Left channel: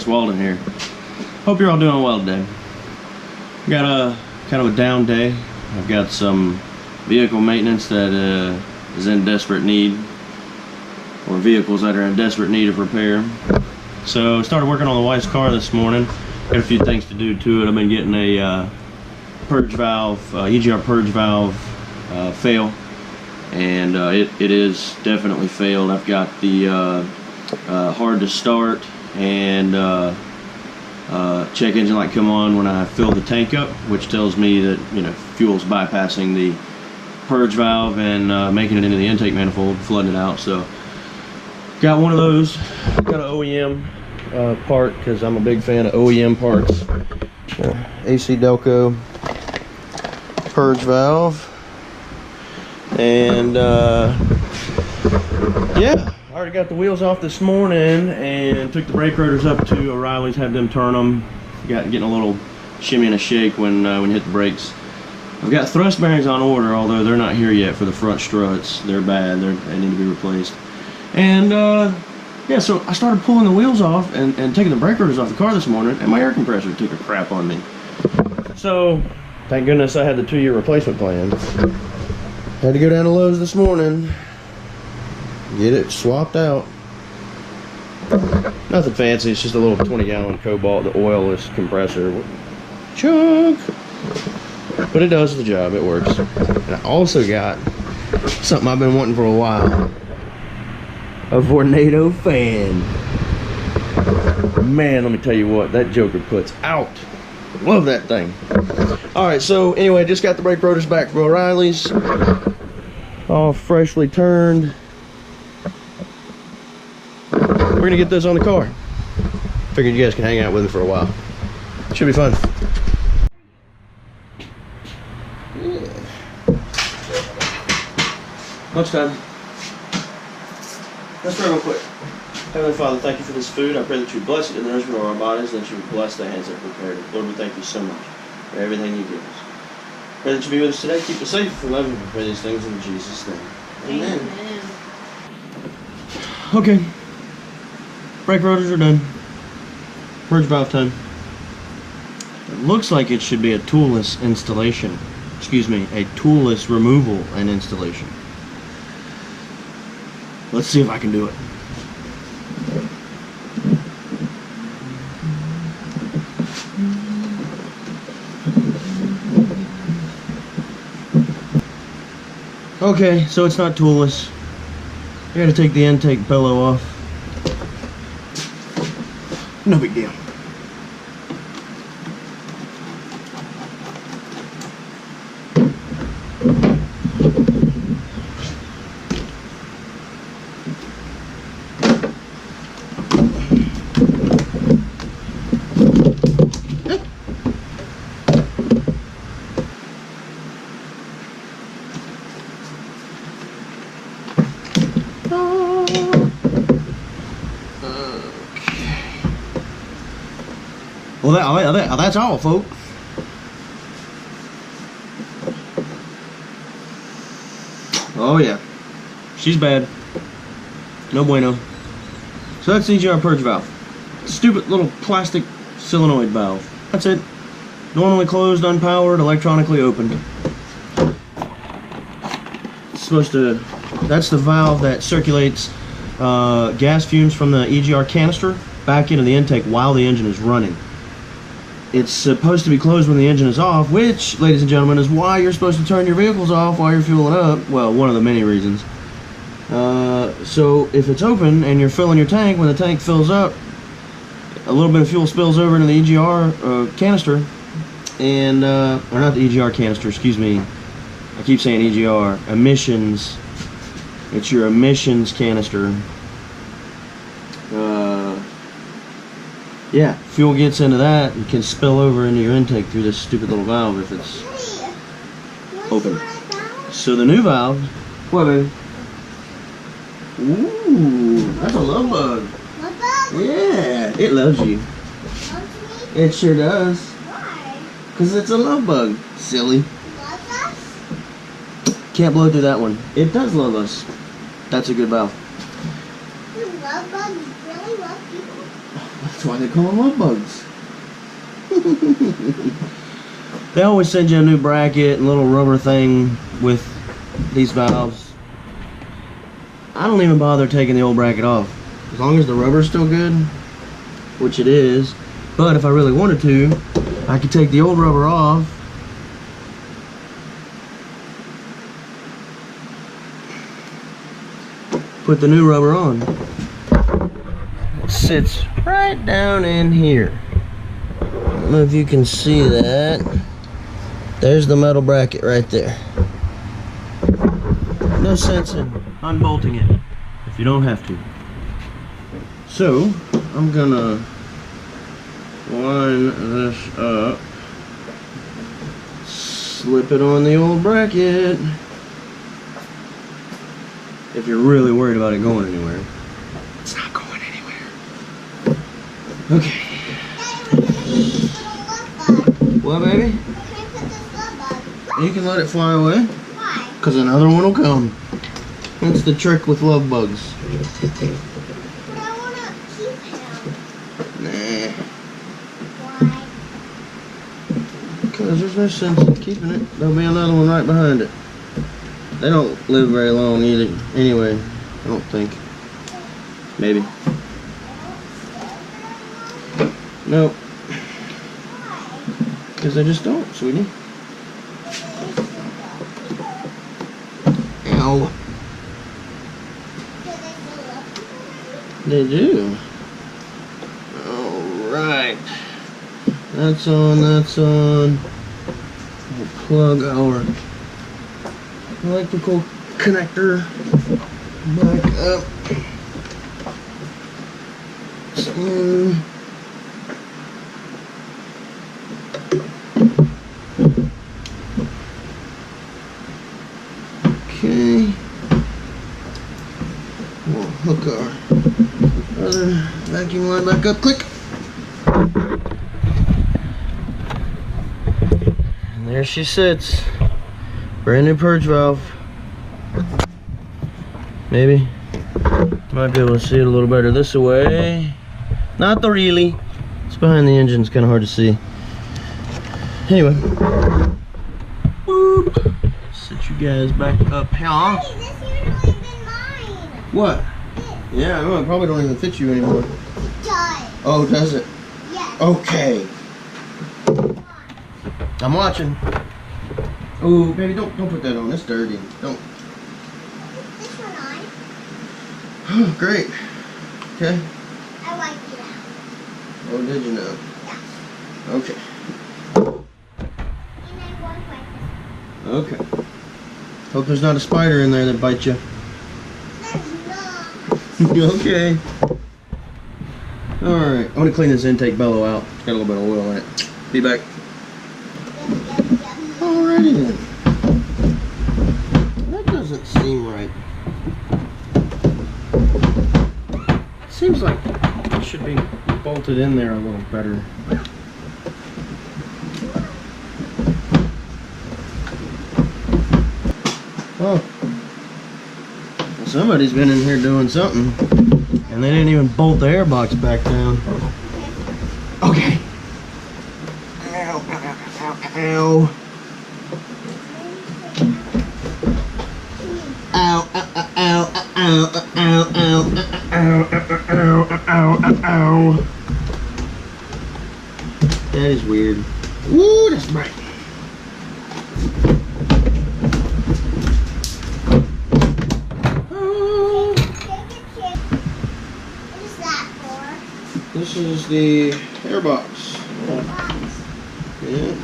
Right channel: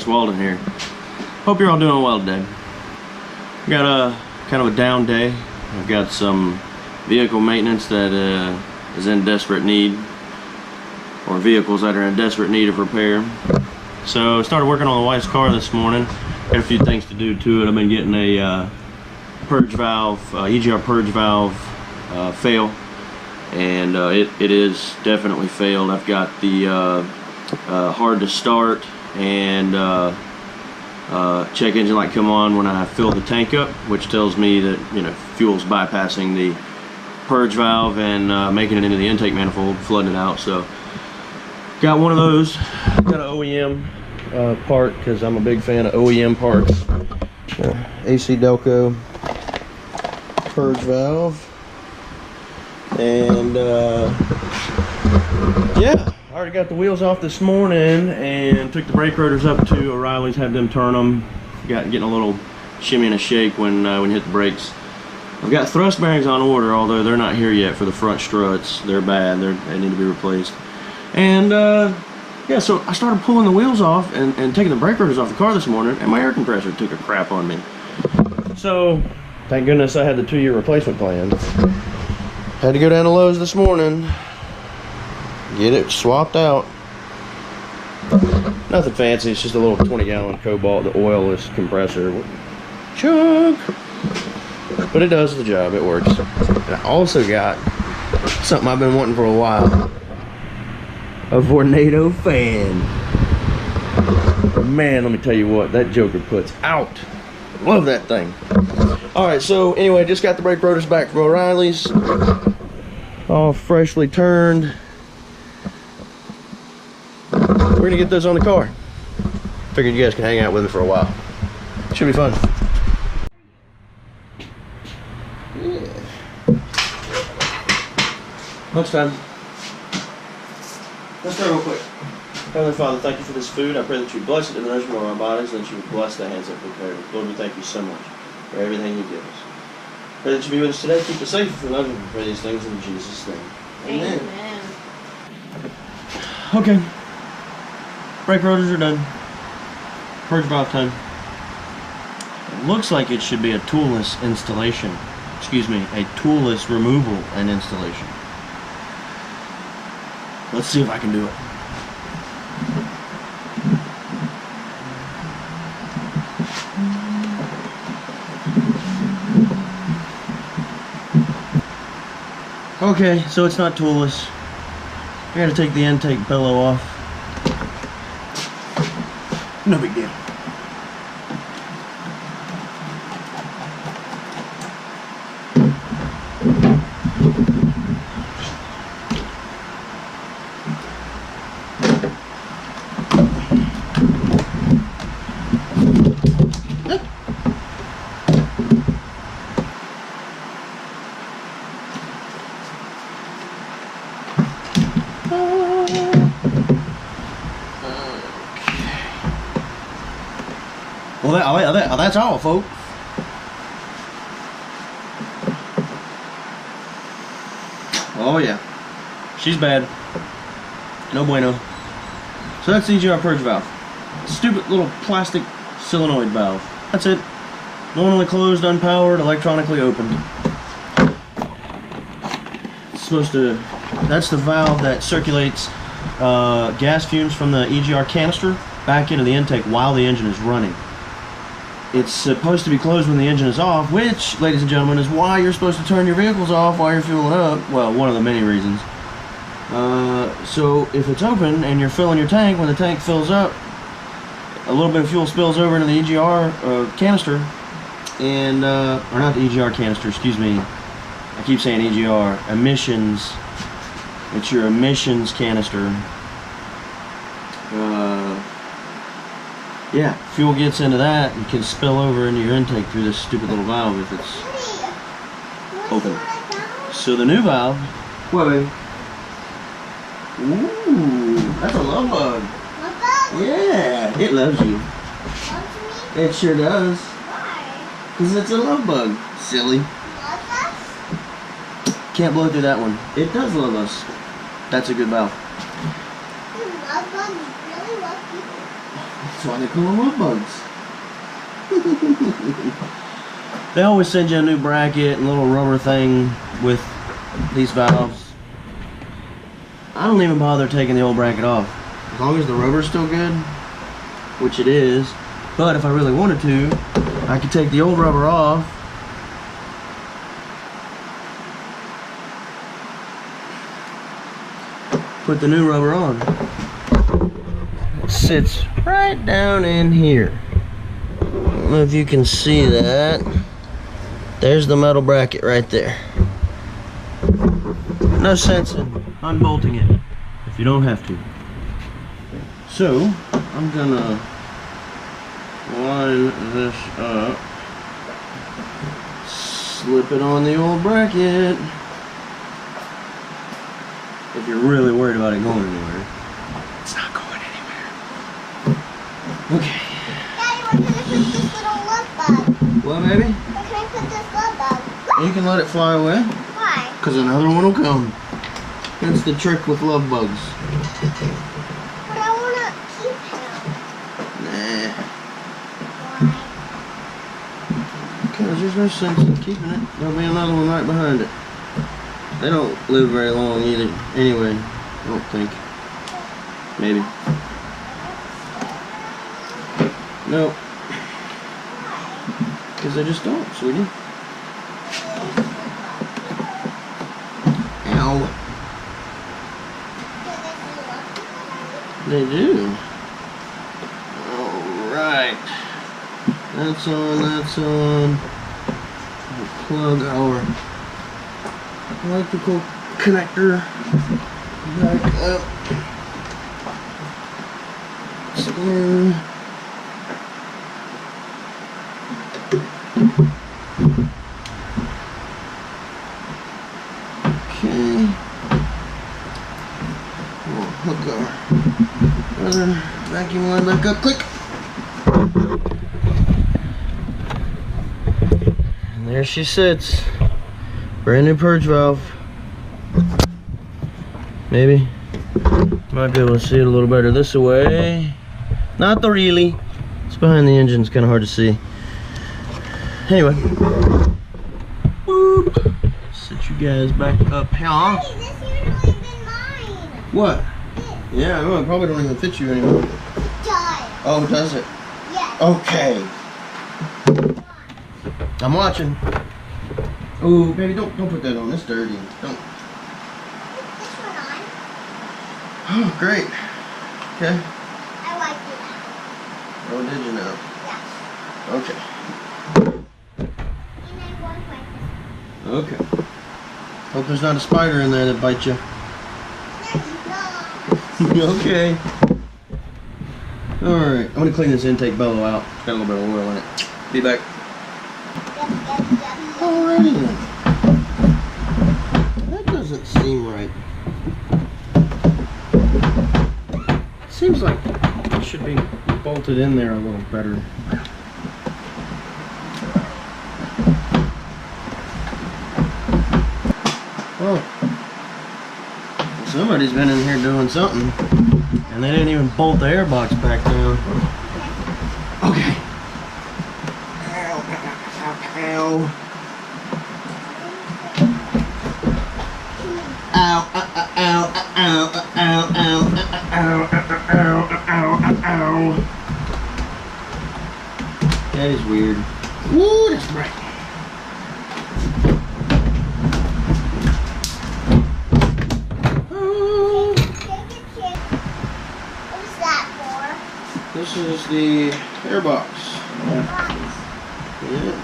Chris Walden here. Hope you're all doing well today. Got a kind of a down day. I've got some vehicle maintenance that is in desperate need, or vehicles that are in desperate need of repair. So started working on the wife's car this morning. Got a few things to do to it. I've been getting a purge valve, EGR purge valve fail, and it is definitely failed. I've got the hard to start and check engine light come on when I fill the tank up, which tells me that, you know, fuel's bypassing the purge valve and making it into the intake manifold, flooding it out. So got one of those. Got an OEM part because I'm a big fan of OEM parts. AC Delco purge valve, and yeah, I already got the wheels off this morning and took the brake rotors up to O'Reilly's, had them turn them. Getting a little shimmy and a shake when you hit the brakes. I've got thrust bearings on order, although they're not here yet for the front struts. They're bad. They need to be replaced. And yeah, so I started pulling the wheels off and taking the brake rotors off the car this morning, and my air compressor took a crap on me. So thank goodness I had the 2-year replacement plan. Had to go down to Lowe's this morning, get it swapped out. Nothing fancy, it's just a little 20-gallon Cobalt, the oilless compressor. Chunk! But it does the job, it works. And I also got something I've been wanting for a while. A Vornado fan. Man, let me tell you what, that joker puts out. Love that thing. Alright, so anyway, just got the brake rotors back from O'Reilly's. All freshly turned. We're gonna get those on the car. Figured you guys can hang out with me for a while. Should be fun. Yeah. Lunchtime. Let's pray real quick. Heavenly Father, thank you for this food. I pray that you bless it in the nourishment of our bodies, and that you would bless the hands that prepared it. Lord, we thank you so much for everything you give us. Pray that you be with us today. Keep us safe. We love you. We pray these things in Jesus' name. Amen. Amen. Okay. Brake rotors are done. Purge valve time. It looks like it should be a toolless installation. Excuse me, a toolless removal and installation. Let's see if I can do it. Okay, so it's not toolless. I gotta take the intake pillow off. No big deal. Well, that's all, folks. Oh yeah, she's bad. No bueno. So that's the EGR purge valve. Stupid little plastic solenoid valve. That's it. Normally closed, unpowered, electronically opened. It's supposed to. That's the valve that circulates gas fumes from the EGR canister back into the intake while the engine is running. It's supposed to be closed when the engine is off, which, ladies and gentlemen, is why you're supposed to turn your vehicles off while you're fueling up. Well, one of the many reasons. So if it's open and you're filling your tank, when the tank fills up, a little bit of fuel spills over into the EGR canister, and or not the EGR canister, excuse me. I keep saying EGR. Emissions. It's your emissions canister. Yeah, fuel gets into that and can spill over into your intake through this stupid little valve if it's open. So the new valve, what, baby? Ooh, that's a love bug. Yeah, it loves you. It sure does. Why? Because it's a love bug, silly. Love us? Can't blow through that one. It does love us. That's a good valve. Do love bugs really love people? That's why they call them love bugs. They always send you a new bracket and little rubber thing with these valves. I don't even bother taking the old bracket off. As long as the rubber's still good, which it is. But if I really wanted to, I could take the old rubber off. Put the new rubber on. It sits right down in here. I don't know if you can see that. There's the metal bracket right there. No sense in unbolting it if you don't have to. So, I'm gonna line this up, slip it on the old bracket. If you're really worried about it going anywhere. It's not going anywhere. Okay. Daddy, where can I put this little love bug? What, baby? Where can I put this love bug? You can let it fly away. Why? Because another one will come. That's the trick with love bugs. But I want to keep him. Nah. Why? Because there's no sense in keeping it. There'll be another one right behind it. They don't live very long either. Anyway, I don't think. Maybe. Nope. Because they just don't, sweetie. Ow. They do. Alright. That's on, that's on. We'll plug our electrical connector back up. It's in. Okay. We'll hook our other vacuum line back up. Click. And there she sits. Brand new purge valve. Maybe. Might be able to see it a little better this way. Not the really. It's behind the engine. It's kind of hard to see. Anyway. Boop. Sit you guys back up here. Daddy, this usually been mine. What? Yeah, no, it probably don't even fit you anymore. It does. Oh, does it? Yes. Okay. I'm watching. Oh, baby, don't put that on. It's dirty. Don't. This one on. Oh, great. Okay. I like it out. Oh, did you know? Yes. Okay. And I won't like this. Okay. Hope there's not a spider in there that bites you. There's not. Okay. Alright, I'm gonna clean this intake bellow out. It's got a little bit of oil in it. Be back. Alrighty then. That doesn't seem right. Seems like it should be bolted in there a little better. Oh. Well, somebody's been in here doing something. And they didn't even bolt the airbox back down. Okay. Ow, ow, ow, ow. Ow, ow, ow, ow, ow, ow, ow, ow, ow, ow. That is weird. Woo, that's bright. This is the airbox. Yeah.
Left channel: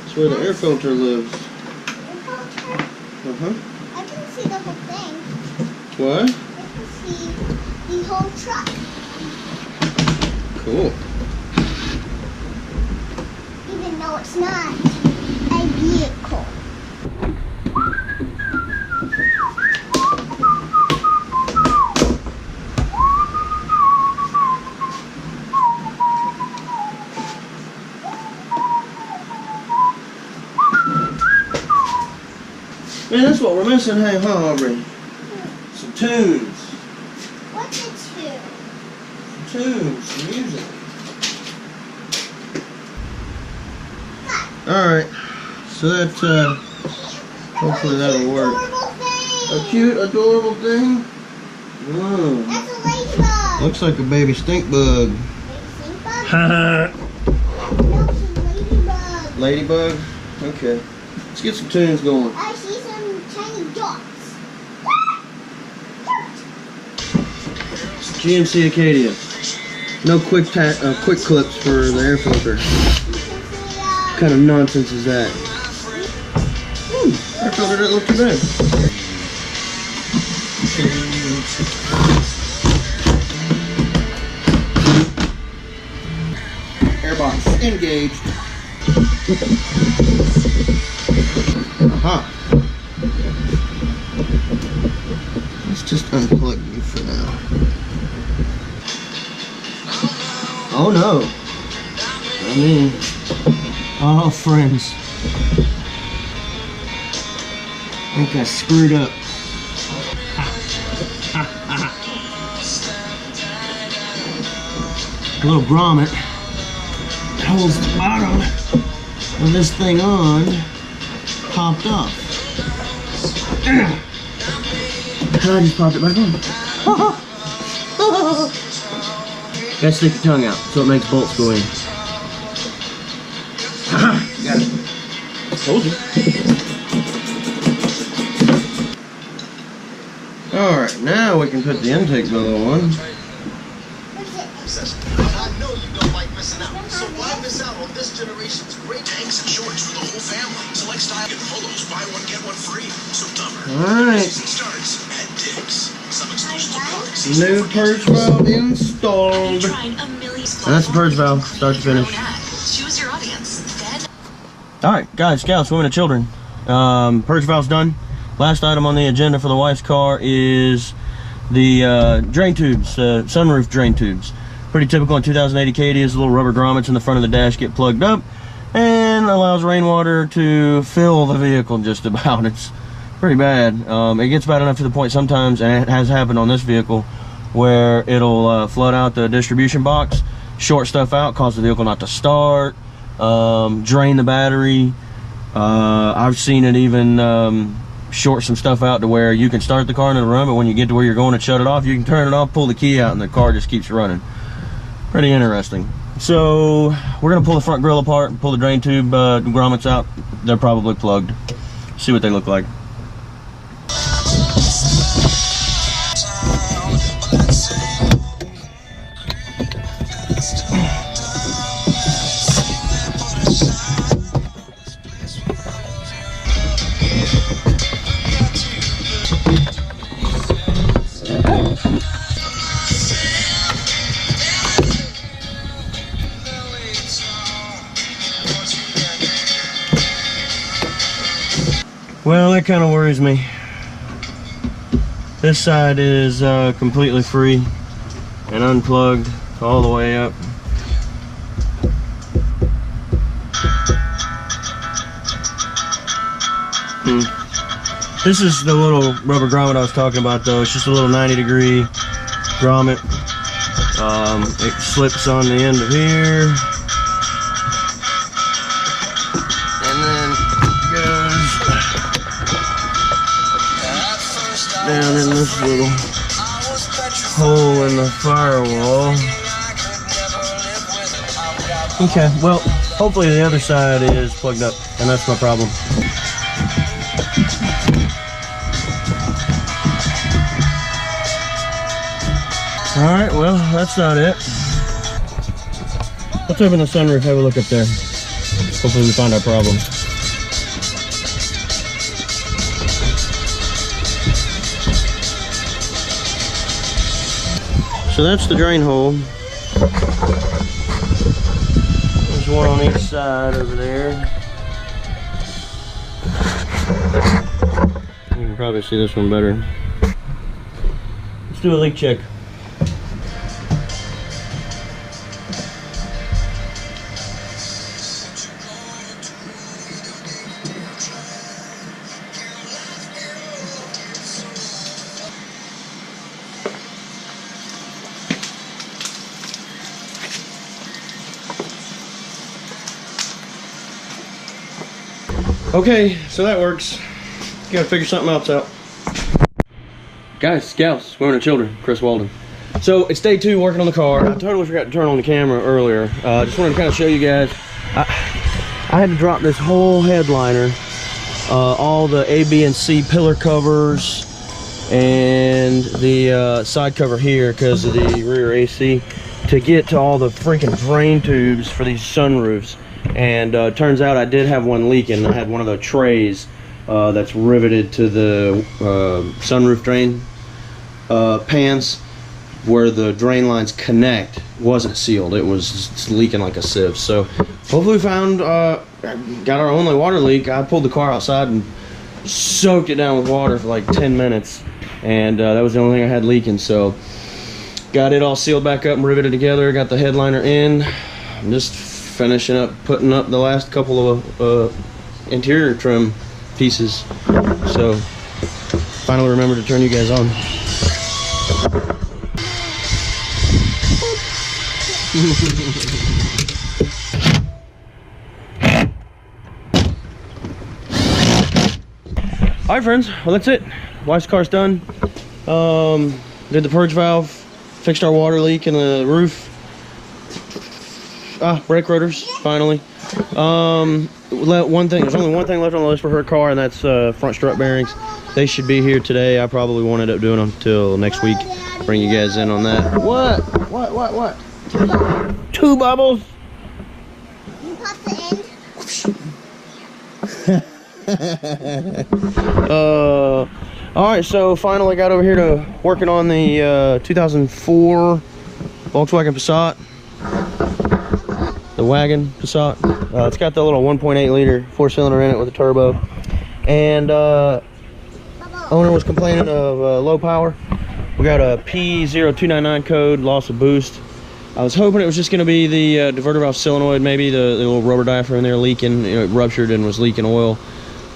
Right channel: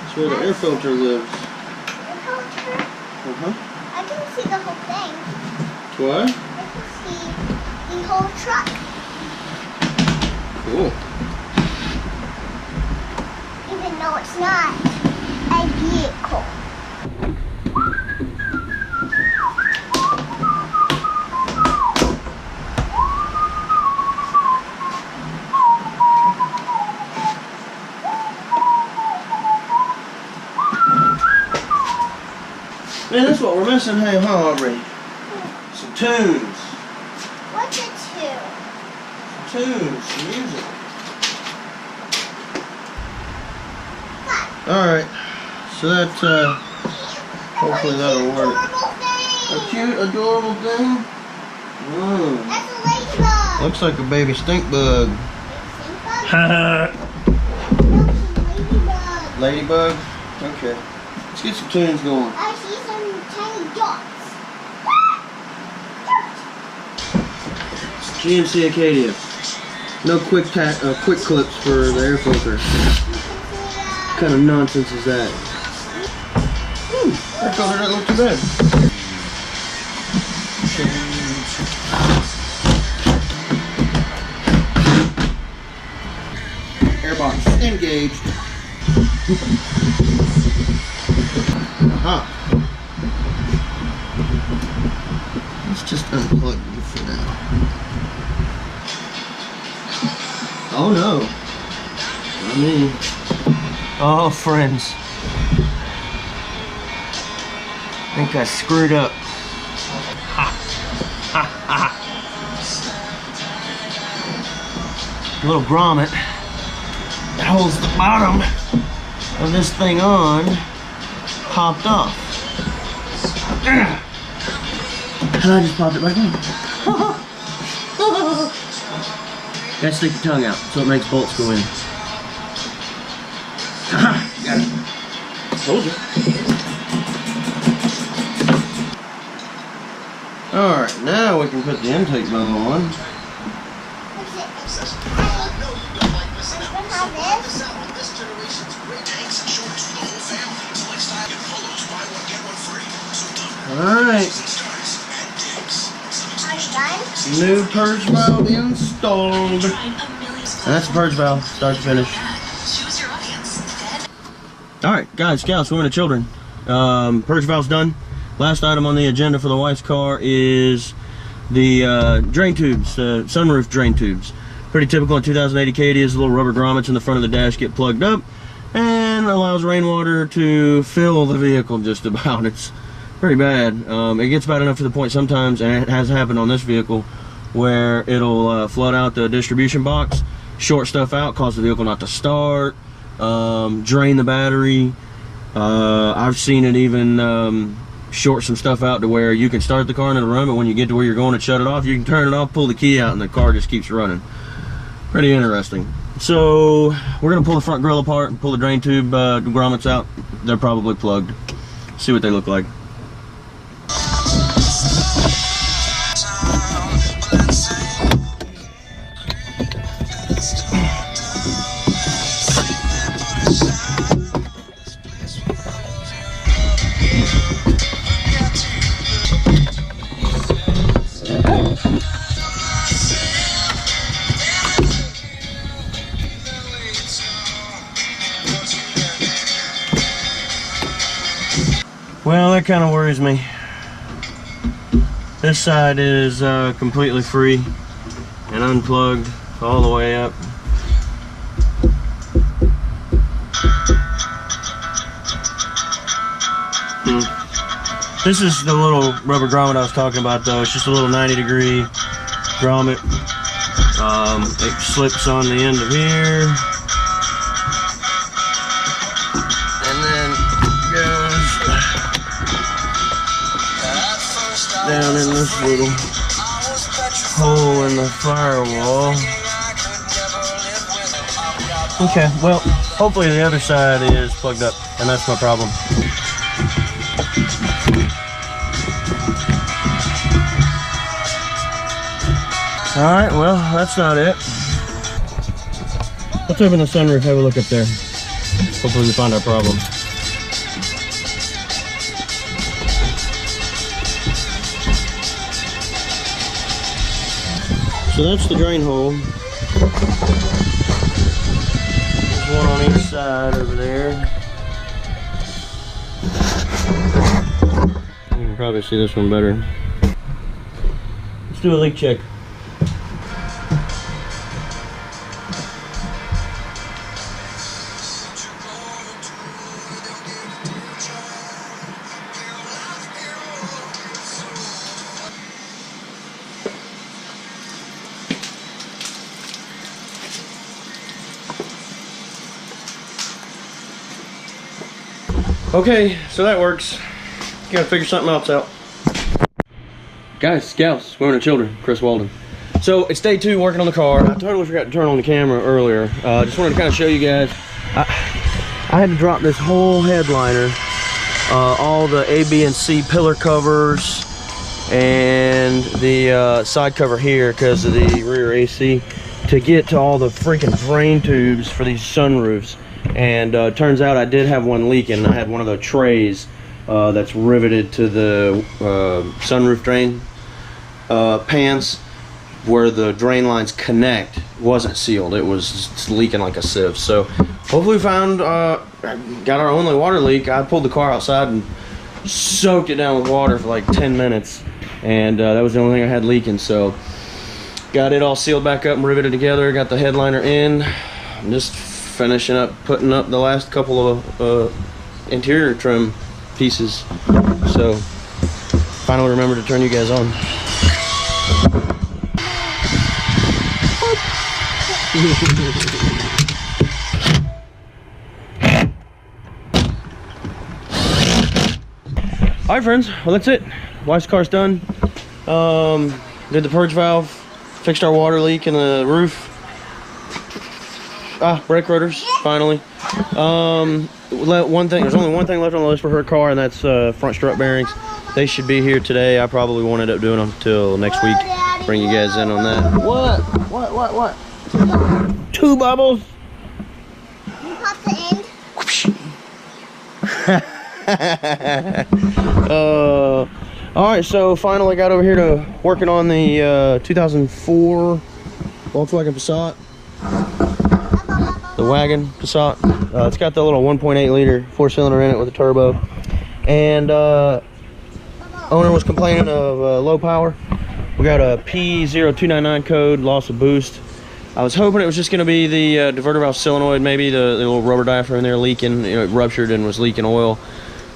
That's where the air filter lives. Air filter? Uh-huh. I can see the whole thing. What? I can see the whole truck. Cool. Even though it's not a vehicle. Man, that's what we're missing, hey, huh, Aubrey? Some tunes. What's a tune? tunes, some music. Alright, so that, hopefully that'll work. A cute, adorable thing? Mm. That's a ladybug. Looks like a baby stink bug. No, it's a ladybug. Ladybug? Okay. Let's get some tunes going. I see some tiny dots. GMC Acadia. No quick clips for the air filter. What kind of nonsense is that? Air filter doesn't look too bad. Airbox engaged. Aha. Let's just unplug you for now. Oh no. Not me. Oh, friends. I think I screwed up. Ha. Ha, ha. A little grommet that holds the bottom of this thing on popped off. And I just popped it back on. Gotta stick your tongue out so it makes bolts go in. Got it. Told you. Alright, now we can put the intake bubble on. I know you don't like missing out, so why miss out on this generation's great tanks and shorts for the whole family? Select style and polos, buy one, get one free. So Alright. Struts and Dicks. Some exclusive products. New purge valve installed. And that's the purge valve, start to finish. Choose your audience. Alright, guys, gals, women and children. Purge valve's done. Last item on the agenda for the wife's car is the drain tubes, sunroof drain tubes. Pretty typical in 2008 Acadias. Little rubber grommets in the front of the dash get plugged up and allows rainwater to fill the vehicle just about. It's pretty bad. It gets bad enough to the point sometimes, and it has happened on this vehicle, where it'll flood out the distribution box, short stuff out, cause the vehicle not to start, drain the battery. I've seen it even short some stuff out to where you can start the car and it'll run, but when you get to where you're going to shut it off, you can turn it off, pull the key out, and the car just keeps running. Pretty interesting. So we're gonna pull the front grille apart and pull the drain tube grommets out. They're probably plugged. See what they look like. Well, that kind of worries me. This side is completely free and unplugged all the way up. This is the little rubber grommet I was talking about, though. It's just a little 90-degree grommet. It slips on the end of here. And then goes down in this little hole in the firewall. Okay, well, hopefully the other side is plugged up, and that's my problem. Alright, well, that's not it. Let's open the sunroof, have a look up there. Hopefully we find our problem. So that's the drain hole. There's one on each side over there. You can probably see this one better. Let's do a leak check. Okay, so that works. Gotta figure something else out. Guys, gals, women and children, Chris Walden. So it's day 2 working on the car. I totally forgot to turn on the camera earlier. Just wanted to kind of show you guys. I had to drop this whole headliner, all the A, B, and C pillar covers, and the side cover here because of the rear AC, to get to all the freaking drain tubes for these sunroofs. And turns out I did have one leaking. I had one of the trays that's riveted to the sunroof drain pans, where the drain lines connect, wasn't sealed. It was just leaking like a sieve. So hopefully we found, got our only water leak. I pulled the car outside and soaked it down with water for like 10 minutes. And that was the only thing I had leaking. So got it all sealed back up and riveted together. Got the headliner in. I'm just finishing up, putting up the last couple of interior trim pieces. So finally remember to turn you guys on. Alright friends, well that's it. Wife's car's done. Did the purge valve, fixed our water leak in the roof. Brake rotors, finally. One thing, there's only one thing left on the list for her car, and that's front strut bearings. They should be here today. I probably won't end up doing them until next week. Bring you guys in on that. What? 2 bubbles. 2 bubbles? You pop the end. Alright, so finally got over here to working on the 2004 Volkswagen Passat. The wagon Passat. It's got the little 1.8 liter 4-cylinder in it with a turbo. And owner was complaining of low power. We got a P0299 code, loss of boost. I was hoping it was just going to be the diverter valve solenoid, maybe the little rubber diaphragm in there leaking. You know, it ruptured and was leaking oil.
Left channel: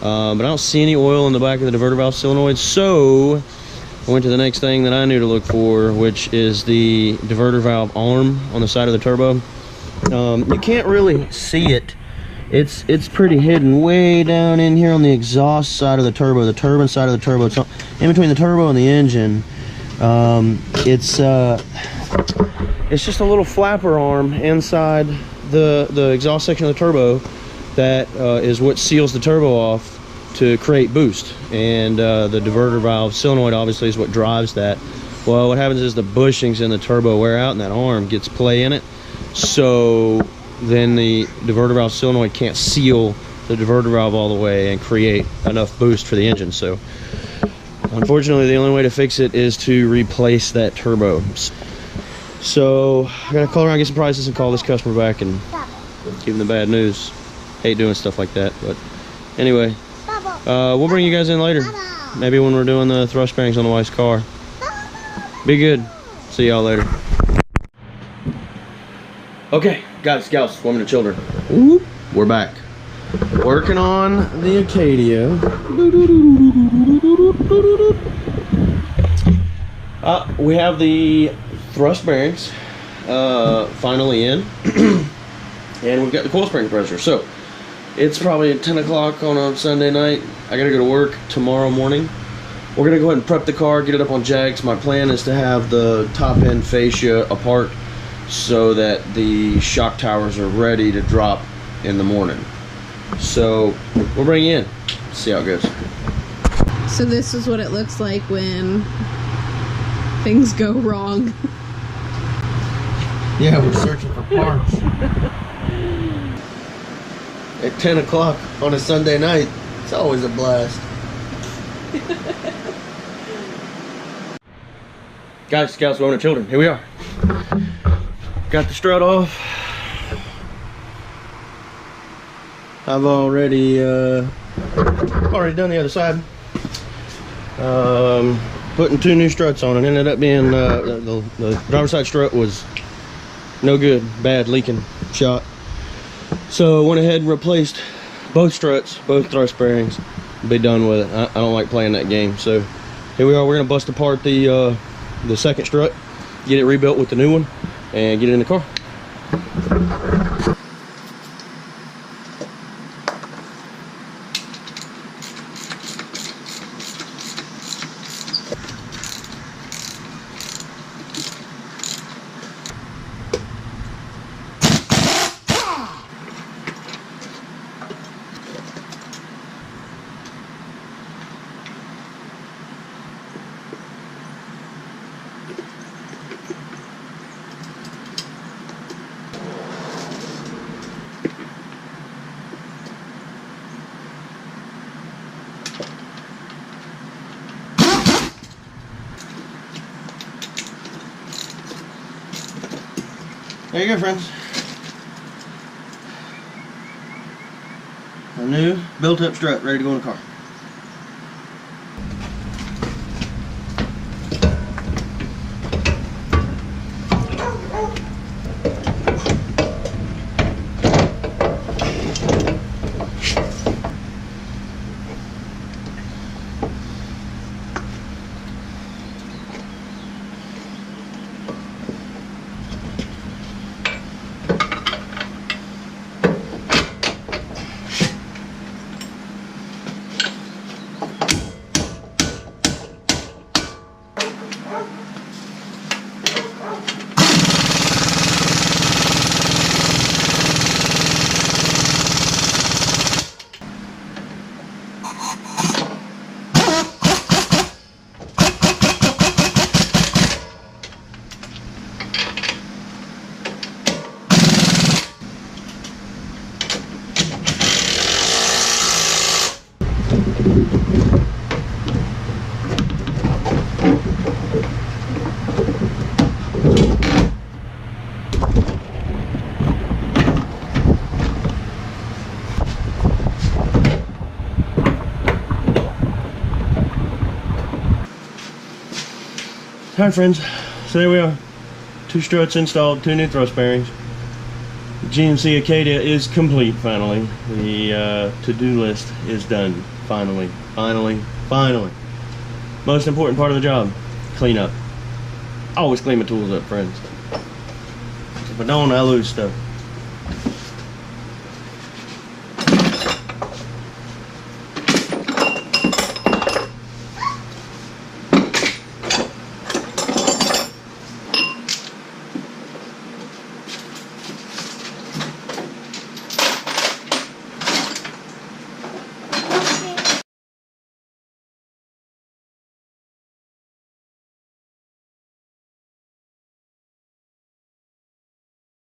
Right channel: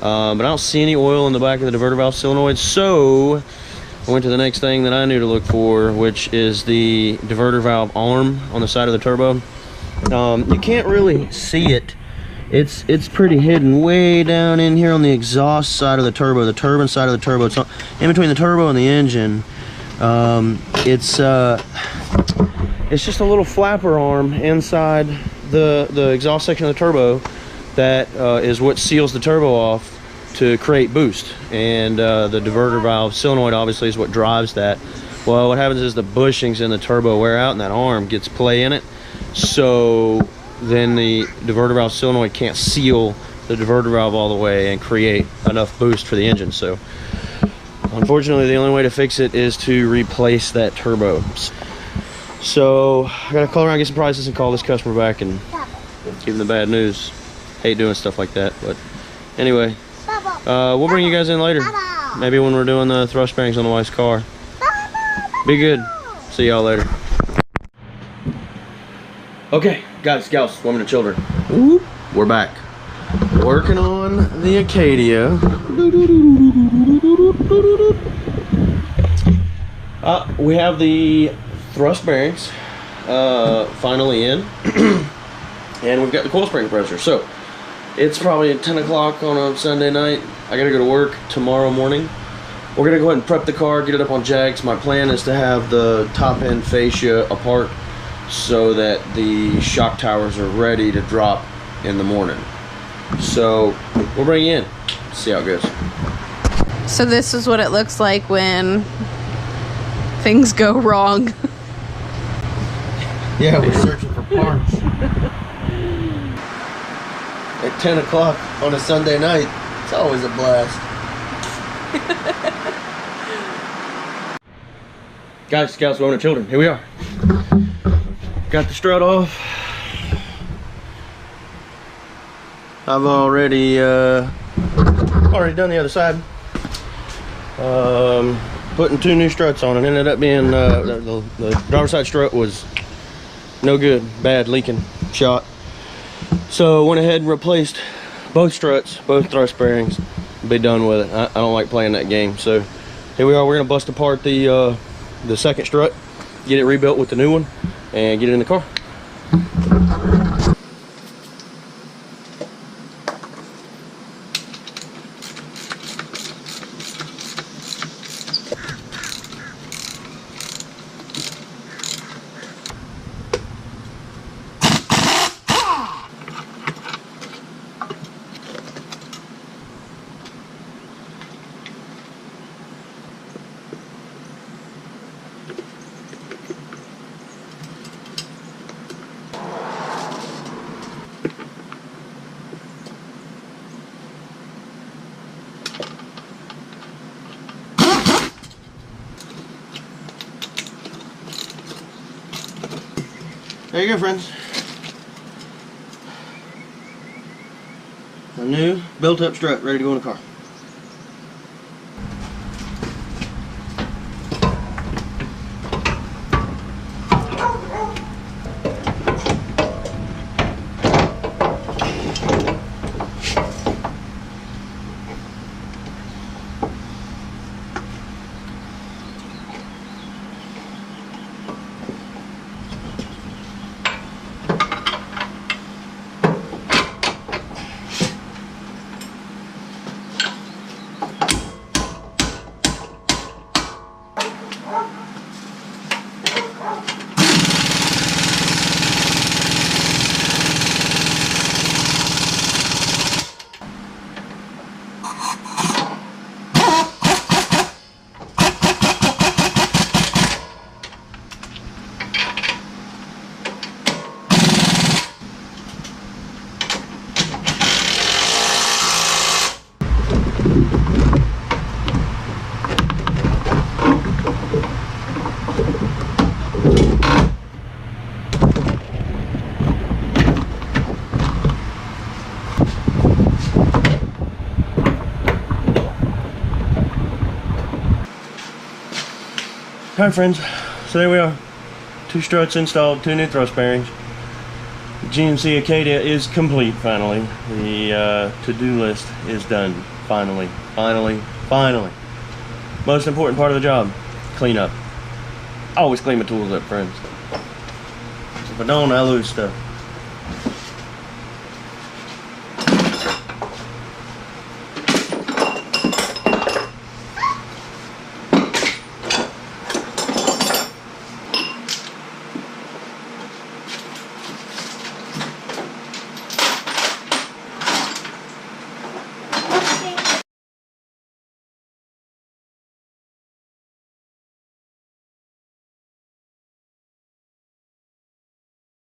But I don't see any oil in the back of the diverter valve solenoid, so I went to the next thing that I knew to look for, which is the diverter valve arm on the side of the turbo. You can't really see it. It's pretty hidden way down in here on the exhaust side of the turbo, the turbine side of the turbo. It's in between the turbo and the engine. It's just a little flapper arm inside the exhaust section of the turbo that is what seals the turbo off to create boost. And the diverter valve solenoid obviously is what drives that. Well, what happens is the bushings in the turbo wear out and that arm gets play in it. So then the diverter valve solenoid can't seal the diverter valve all the way and create enough boost for the engine. So unfortunately, the only way to fix it is to replace that turbo. So I gotta call around, get some prices, and call this customer back and give them the bad news. Hate doing stuff like that, but anyway, we'll bring you guys in later. Maybe when we're doing the thrust bearings on the wife's car. Be good. See y'all later. Okay, guys, gals, women and children, we're back. Working on the Acadia. We have the thrust bearings finally in. And we've got the coil spring pressure. So it's probably at 10 o'clock on a Sunday night. I gotta go to work tomorrow morning. We're gonna go ahead and prep the car, get it up on jacks. My plan is to have the top end fascia apart so that the shock towers are ready to drop in the morning. So we'll bring you in, see how it goes. So this is what it looks like when things go wrong. Yeah, we're searching for parts. At 10 o'clock on a Sunday night, it's always a blast. Guys, scouts, women, and children, here we are. Got the strut off. I've already done the other side. Putting 2 new struts on. It ended up being the driver's side strut was no good, bad, leaking, shot. So went ahead and replaced both struts, both thrust bearings. Be done with it. I don't like playing that game. So here we are. We're gonna bust apart the second strut, get it rebuilt with the new one, and get it in the car. There you go, friends. A new built-up strut ready to go in the car. Alright, friends, so there we are. 2 struts installed, 2 new thrust bearings. The GMC Acadia is complete finally. The to-do list is done. Finally. Most important part of the job, clean up. Always clean my tools up, friends. If I don't, I lose stuff.